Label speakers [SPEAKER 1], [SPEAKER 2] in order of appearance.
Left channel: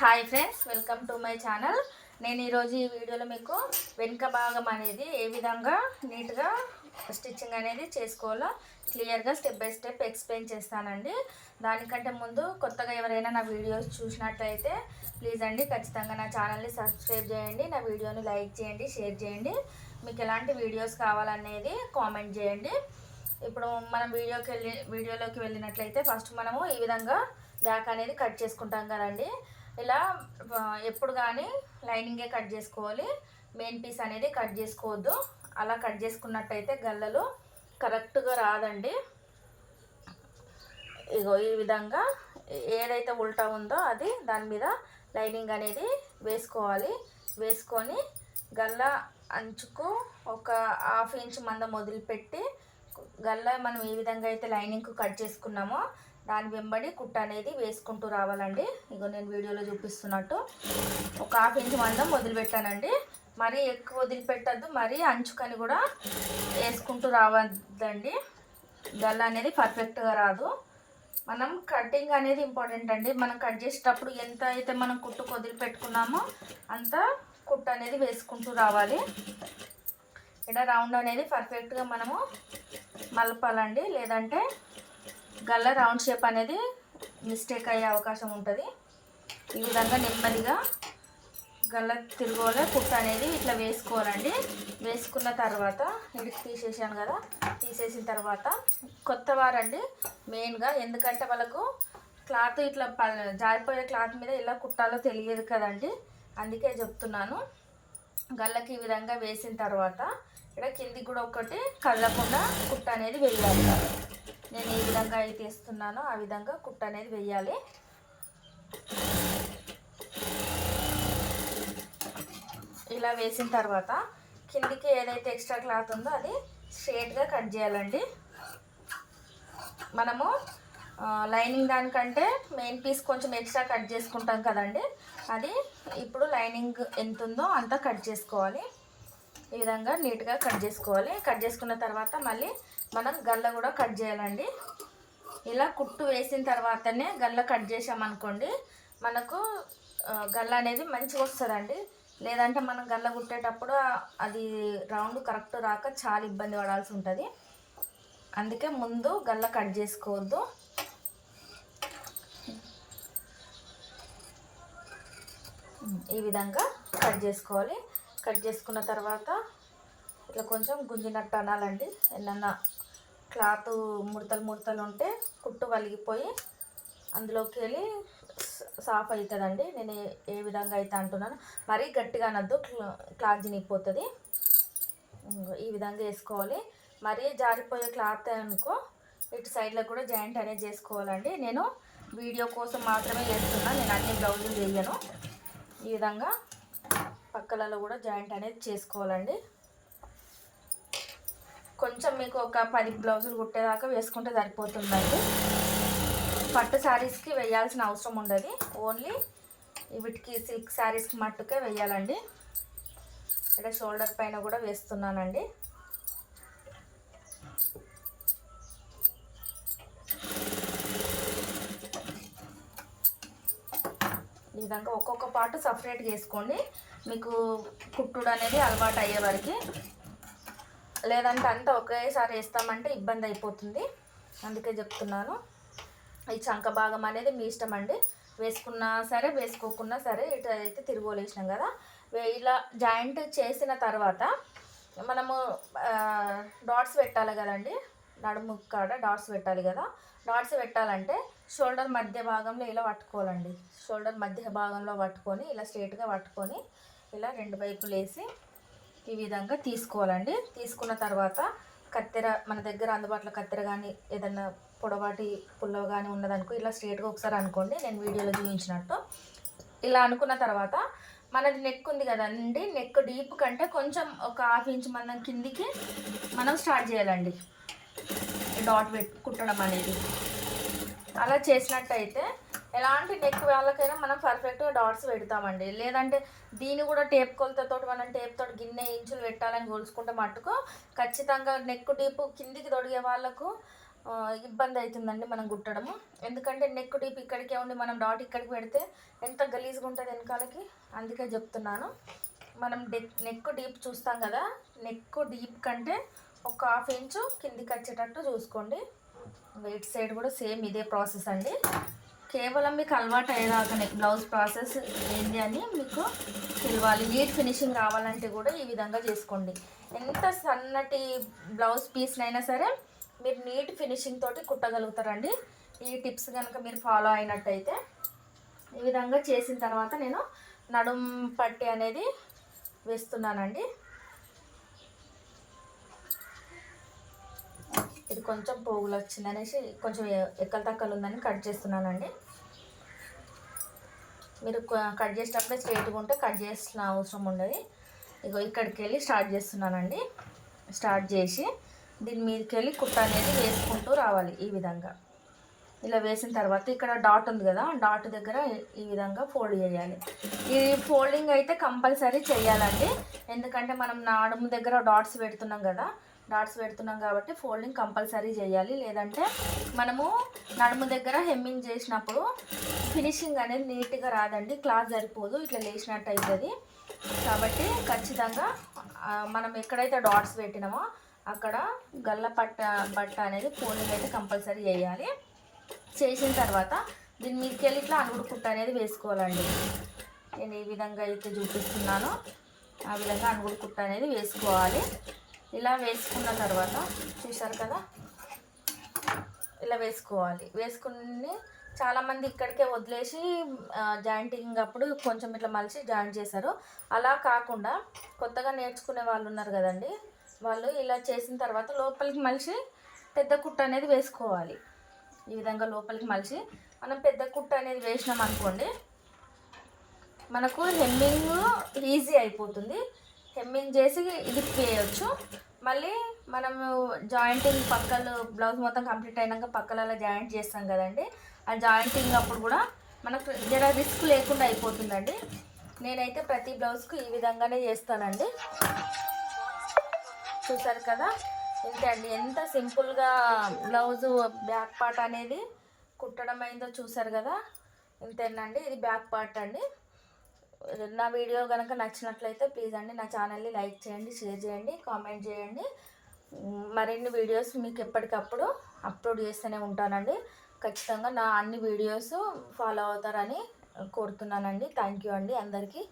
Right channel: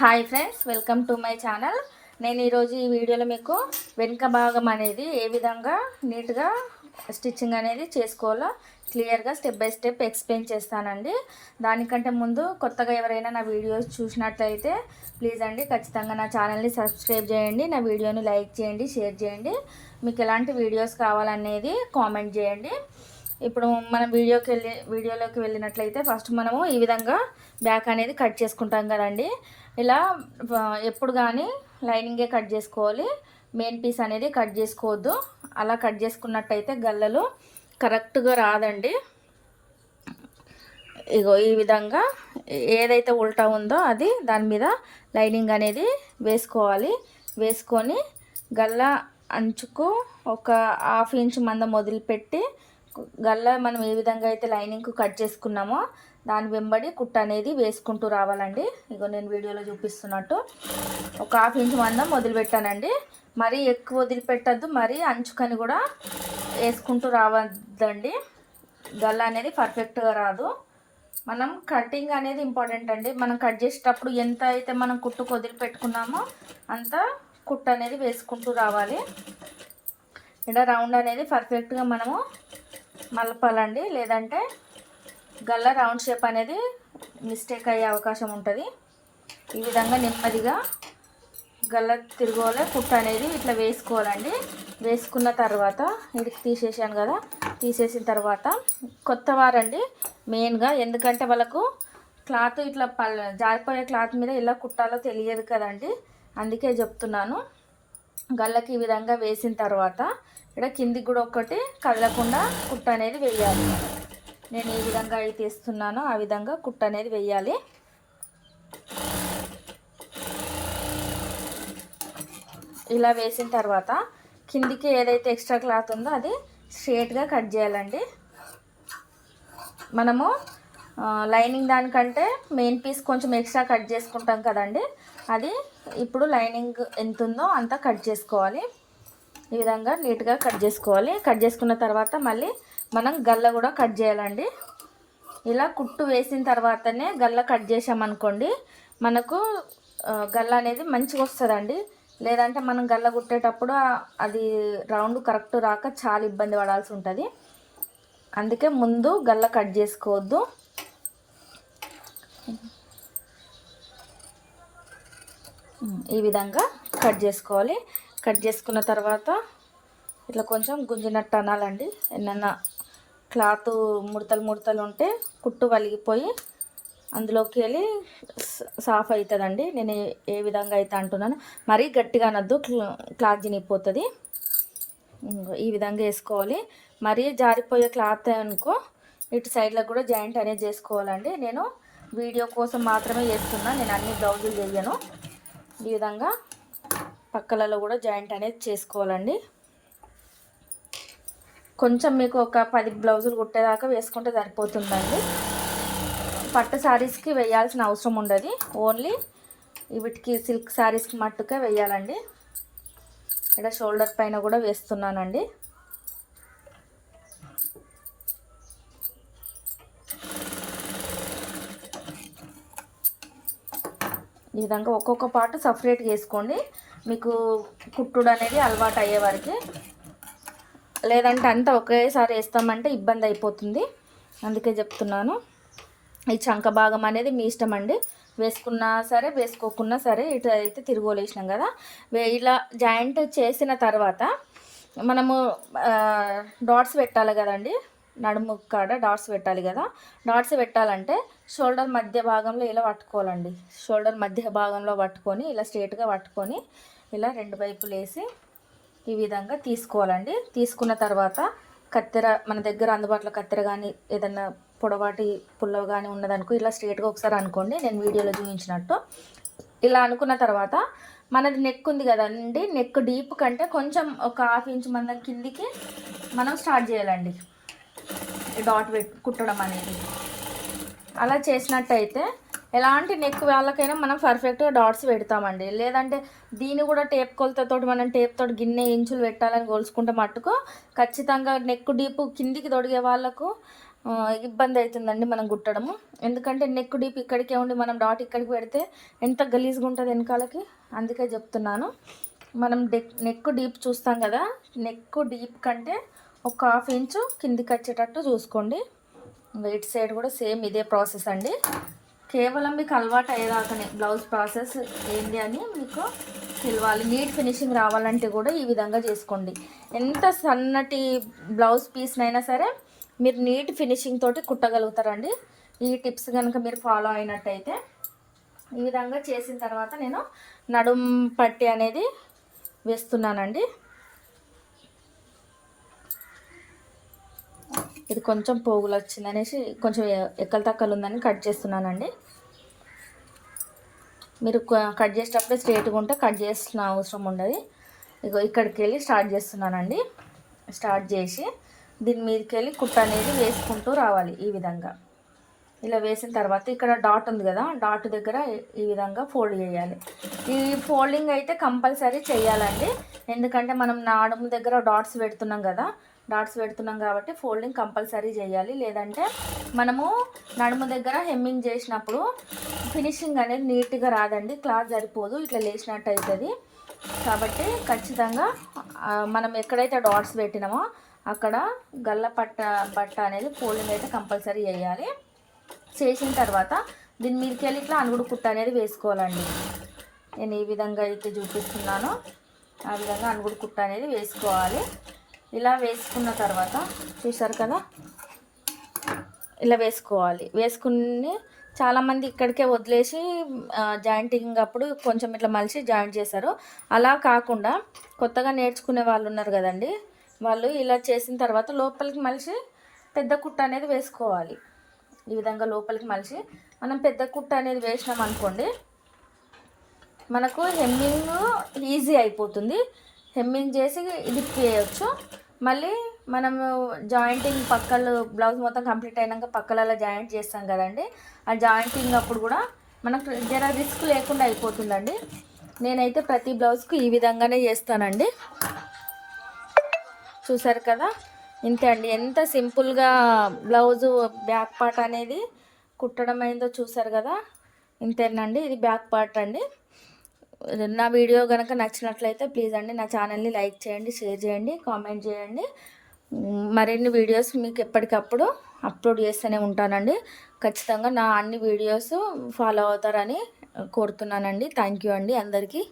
[SPEAKER 1] Hi friends welcome to my channel. నేను ఈరోజు ఈ వీడియోలో మీకు వెనుక భాగం అనేది ఏ విధంగా నీట్గా స్టిచ్చింగ్ అనేది చేసుకోవాలో క్లియర్గా స్టెప్ బై స్టెప్ ఎక్స్ప్లెయిన్ చేస్తానండి. దానికంటే ముందు కొత్తగా ఎవరైనా నా వీడియోస్ చూసినట్లయితే ప్లీజ్ అండి ఖచ్చితంగా నా ఛానల్ని సబ్స్క్రైబ్ చేయండి నా వీడియోని లైక్ చేయండి షేర్ చేయండి. మీకు ఎలాంటి వీడియోస్ కావాలనేది కామెంట్ చేయండి. ఇప్పుడు మనం వీడియోకి వెళ్ళి వీడియోలోకి వెళ్ళినట్లయితే ఫస్ట్ మనము ఈ విధంగా బ్యాక్ అనేది కట్ చేసుకుంటాం కదండి. ఇలా ఎప్పుడు కానీ లైనింగే కట్ చేసుకోవాలి. మెయిన్ పీస్ అనేది కట్ చేసుకోవద్దు. అలా కట్ చేసుకున్నట్టయితే గల్లలు కరెక్ట్గా రాదండి. ఇగో ఈ విధంగా ఏదైతే ఉల్టా ఉందో అది దాని మీద లైనింగ్ అనేది వేసుకోవాలి. వేసుకొని గల్ల అంచుకు ఒక హాఫ్ ఇంచ్ మందం వదిలిపెట్టి గల్ల మనం ఏ విధంగా అయితే లైనింగ్కు కట్ చేసుకున్నామో దాని వెంబడి కుట్ట అనేది వేసుకుంటూ రావాలండి. ఇగో నేను వీడియోలో చూపిస్తున్నట్టు. ఒక హాఫ్ ఇంచ్ మందం వదిలిపెట్టానండి. మరీ ఎక్కువ వదిలిపెట్టద్దు మరీ అంచుకని కూడా వేసుకుంటూ రావద్దండి. గల్ల అనేది పర్ఫెక్ట్గా రాదు. మనం కటింగ్ అనేది ఇంపార్టెంట్ అండి. మనం కట్ చేసేటప్పుడు ఎంత అయితే మనం కుట్టుకు వదిలిపెట్టుకున్నామో అంత కుట్ట అనేది వేసుకుంటూ రావాలి. ఇక్కడ రౌండ్ అనేది పర్ఫెక్ట్గా మనము మలపాలండి లేదంటే గల్ల రౌండ్ షేప్ అనేది మిస్టేక్ అయ్యే అవకాశం ఉంటుంది. ఈ విధంగా నెమ్మదిగా గల్ల తిరగోలే కుట్ట అనేది ఇట్లా వేసుకోవాలండి. వేసుకున్న తర్వాత ఇడికి తీసేసాను కదా తీసేసిన తర్వాత కొత్త వారండి మెయిన్గా. ఎందుకంటే వాళ్ళకు క్లాత్ ఇట్లా పల్ జారిపోయే క్లాత్ మీద ఎలా కుట్టాలో తెలియదు కదండి. అందుకే చెప్తున్నాను. గల్లకి ఈ విధంగా వేసిన తర్వాత ఇక్కడ కిందికి కూడా ఒకటి కదలకుండా కుట్ట అనేది వేయాలి. నేను ఏ విధంగా అయితే ఇస్తున్నానో ఆ విధంగా కుట్ట అనేది వేయాలి. ఇలా వేసిన తర్వాత కిందికి ఏదైతే ఎక్స్ట్రా క్లాత్ ఉందో అది స్ట్రేట్గా కట్ చేయాలండి. మనము లైనింగ్ దానికంటే మెయిన్ పీస్ కొంచెం ఎక్స్ట్రా కట్ చేసుకుంటాం కదండి. అది ఇప్పుడు లైనింగ్ ఎంత ఉందో అంతా కట్ చేసుకోవాలి. ఈ విధంగా నీట్గా కట్ చేసుకోవాలి. కట్ చేసుకున్న తర్వాత మళ్ళీ మనం గల్ల కూడా కట్ చేయాలండి. ఇలా కుట్టు వేసిన తర్వాతనే గల్ల కట్ చేసామనుకోండి మనకు గల్ల అనేది మంచిగా వస్తుందండి. లేదంటే మనం గల్ల కుట్టేటప్పుడు అది రౌండ్ కరెక్ట్ రాక చాలా ఇబ్బంది పడాల్సి ఉంటుంది. అందుకే ముందు గల్ల కట్ చేసుకోవద్దు. ఈ విధంగా కట్ చేసుకోవాలి. కట్ చేసుకున్న తర్వాత ఇట్లా కొంచెం గుంజినట్టు అనాలండి. ఏమన్నా క్లాత్ ముడతలు ముడతలు ఉంటే కుట్టు వలిగిపోయి అందులోకి వెళ్ళి సాఫ్ అవుతుందండి. నేను ఏ- విధంగా అయితే అంటున్నాను మరీ గట్టిగా అనొద్దు. క్లా- క్లాత్ చినిగిపోతుంది. ఈ విధంగా వేసుకోవాలి. మరీ జారిపోయే క్లాత్ అనుకో ఇటు సైడ్లో కూడా జాయింట్ అనేది చేసుకోవాలండి. నేను వీడియో కోసం మాత్రమే చేస్తున్నా. నేను అన్ని బ్లౌజులు చెయ్యను ఈ విధంగా పక్కలలో కూడా జాయింట్ అనేది చేసుకోవాలండి. కొంచెం మీకు ఒక పది బ్లౌజులు కుట్టేదాకా వేసుకుంటే సరిపోతుందండి. పట్టు శారీస్కి వేయాల్సిన అవసరం ఉండదు. ఓన్లీ వీటికి సిల్క్ శారీస్కి మట్టుకే వేయాలండి. ఇక్కడ షోల్డర్ పైన కూడా వేస్తున్నానండి. ఈ విధంగా ఒక్కొక్క పార్ట్ సపరేట్గా వేసుకోండి మీకు కుట్టుడు అనేది అలవాటు అయ్యే వారికి లేదంటే అంతా ఒకేసారి వేస్తామంటే ఇబ్బంది అయిపోతుంది. అందుకే చెప్తున్నాను. ఈ చంక భాగం అనేది మీ ఇష్టం అండి. వేసుకున్నా సరే వేసుకోకున్నా సరే ఇటు అయితే తిరుగులేసినాం కదా. ఇలా జాయింట్ చేసిన తర్వాత మనము డాట్స్ పెట్టాలి కదండి. నడుము కాడ డాట్స్ పెట్టాలి కదా. డాట్స్ పెట్టాలంటే షోల్డర్ మధ్య భాగంలో ఇలా పట్టుకోవాలండి. షోల్డర్ మధ్య భాగంలో పట్టుకొని ఇలా స్ట్రేట్గా పట్టుకొని ఇలా రెండు వైపులు వేసి ఈ విధంగా తీసుకోవాలండి. తీసుకున్న తర్వాత కత్తెర మన దగ్గర అందుబాటులో కత్తెర కానీ ఏదన్నా పొడవాటి పుల్లవ కానీ ఉన్నదనుకో ఇలా స్ట్రేట్గా ఒకసారి అనుకోండి నేను వీడియోలో చూపించినట్టు. ఇలా అనుకున్న తర్వాత మనది నెక్ ఉంది కదండి నెక్ డీప్ కంటే కొంచెం ఒక హాఫ్ ఇంచ్ మందం కిందికి మనం స్టార్ట్ చేయాలండి. డాట్ పెట్ కుట్టడం అనేది. అలా చేసినట్టయితే ఎలాంటి నెక్ వాళ్ళకైనా మనం పర్ఫెక్ట్గా డాట్స్ పెడతామండి. లేదంటే దీన్ని కూడా టేప్ కొలతతో మనం టేప్ తోటి గిన్నె ఇంచులు పెట్టాలని కోల్చుకుంటే మట్టుకు ఖచ్చితంగా నెక్ డీప్ కిందికి తొడిగే వాళ్ళకు ఇబ్బంది అవుతుందండి మనం కుట్టడము. ఎందుకంటే నెక్ డీప్ ఇక్కడికే ఉండి మనం డాట్ ఇక్కడికి పెడితే ఎంత గలీజ్గా ఉంటుంది వెనకాలకి? అందుకే చెప్తున్నాను. మనం డెక్ నెక్ డీప్ చూస్తాం కదా నెక్ డీప్ కంటే ఒక హాఫ్ ఇంచు కిందికి వచ్చేటట్టు చూసుకోండి. వెయిట్ సైడ్ కూడా సేమ్ ఇదే ప్రాసెస్ అండి. కేవలం మీకు అలవాటు అయ్యేలాగానే బ్లౌజ్ ప్రాసెస్ ఏంటి అని మీకు తెలియాలి. నీట్ ఫినిషింగ్ రావాలంటే కూడా ఈ విధంగా చేసుకోండి. ఎంత సన్నటి బ్లౌజ్ పీస్నైనా సరే మీరు నీట్ ఫినిషింగ్ తోటి కుట్టగలుగుతారండి. ఈ టిప్స్ కనుక మీరు ఫాలో అయినట్టయితే ఈ విధంగా చేసిన తర్వాత నేను నడుం పట్టి అనేది వేస్తున్నానండి. ఇది కొంచెం పోగులు వచ్చిందనేసి కొంచెం ఎక్కల తక్కలు ఉందని కట్ చేస్తున్నానండి. మీరు కట్ చేసేటప్పుడే స్ట్రేట్గా ఉంటే కట్ చేసిన అవసరం ఉండదు. ఇగో ఇక్కడికి వెళ్ళి స్టార్ట్ చేస్తున్నానండి. స్టార్ట్ చేసి దీని మీదకి వెళ్ళి కుట్ట అనేది వేసుకుంటూ రావాలి ఈ విధంగా. ఇలా వేసిన తర్వాత ఇక్కడ డాట్ ఉంది కదా డాట్ దగ్గర ఈ విధంగా ఫోల్డ్ చేయాలి. ఈ ఫోల్డింగ్ అయితే కంపల్సరీ చేయాలండి. ఎందుకంటే మనం నాడుము దగ్గర డాట్స్ పెడుతున్నాం కదా డాట్స్ పెడుతున్నాం కాబట్టి ఫోల్డింగ్ కంపల్సరీ చేయాలి. లేదంటే మనము నడుము దగ్గర హెమ్మింగ్ చేసినప్పుడు ఫినిషింగ్ అనేది నీట్గా రాదండి క్లాత్ సరిపోదు ఇట్లా లేచినట్టు అవుతుంది కాబట్టి ఖచ్చితంగా మనం ఎక్కడైతే డాట్స్ పెట్టినామో అక్కడ గల్ల పట్ట బట్ట అనేది ఫోల్డింగ్ అయితే కంపల్సరీ చేయాలి. చేసిన తర్వాత దీని మీదకి వెళ్ళి ఇట్లా అనుగుడు కుట్ట అనేది వేసుకోవాలండి. నేను ఏ విధంగా అయితే చూపిస్తున్నానో. ఆ విధంగా అనుగుడు కుట్ట అనేది వేసుకోవాలి. ఇలా వేసుకున్న తర్వాత చూసారు కదా? ఇలా వేసుకోవాలి. వేసుకుని చాలామంది ఇక్కడికే వదిలేసి జాయింటింగ్ అప్పుడు కొంచెం ఇట్లా మలిసి జాయింట్ చేశారు. అలా కాకుండా కొత్తగా నేర్చుకునే వాళ్ళు ఉన్నారు కదండి వాళ్ళు ఇలా చేసిన తర్వాత లోపలికి మలిసి పెద్ద కుట్ట అనేది వేసుకోవాలి. ఈ విధంగా లోపలికి మలిచి మనం పెద్ద కుట్ట అనేది వేసినాం అనుకోండి మనకు హెమ్మింగ్ ఈజీ అయిపోతుంది. హెమ్మింగ్ చేసి ఇది చేయవచ్చు మళ్ళీ మనము జాయింటింగ్ పక్కలు బ్లౌజ్ మొత్తం కంప్లీట్ అయినాక పక్కలలో జాయింట్ చేస్తాం కదండి. ఆ జాయింటింగ్ అప్పుడు కూడా మనకు జర రిస్క్ లేకుండా అయిపోతుందండి. నేనైతే ప్రతి బ్లౌజ్కి ఈ విధంగానే చేస్తానండి. చూసారు కదా? ఇంతే అండి. ఎంత సింపుల్గా బ్లౌజు బ్యాక్ పార్ట్ అనేది కుట్టడం అయిందో చూసారు కదా? ఇంతేనండి. ఇది బ్యాక్ పార్ట్ అండి. నా వీడియో కనుక నచ్చినట్లయితే ప్లీజ్ అండి నా ఛానల్ని లైక్ చేయండి షేర్ చేయండి కామెంట్ చేయండి. మరిన్ని వీడియోస్ మీకు ఎప్పటికప్పుడు అప్లోడ్ చేస్తూనే ఉంటానండి. ఖచ్చితంగా నా అన్ని వీడియోస్ ఫాలో అవుతారని కోరుతున్నానండి. థ్యాంక్ యూ అండి అందరికీ.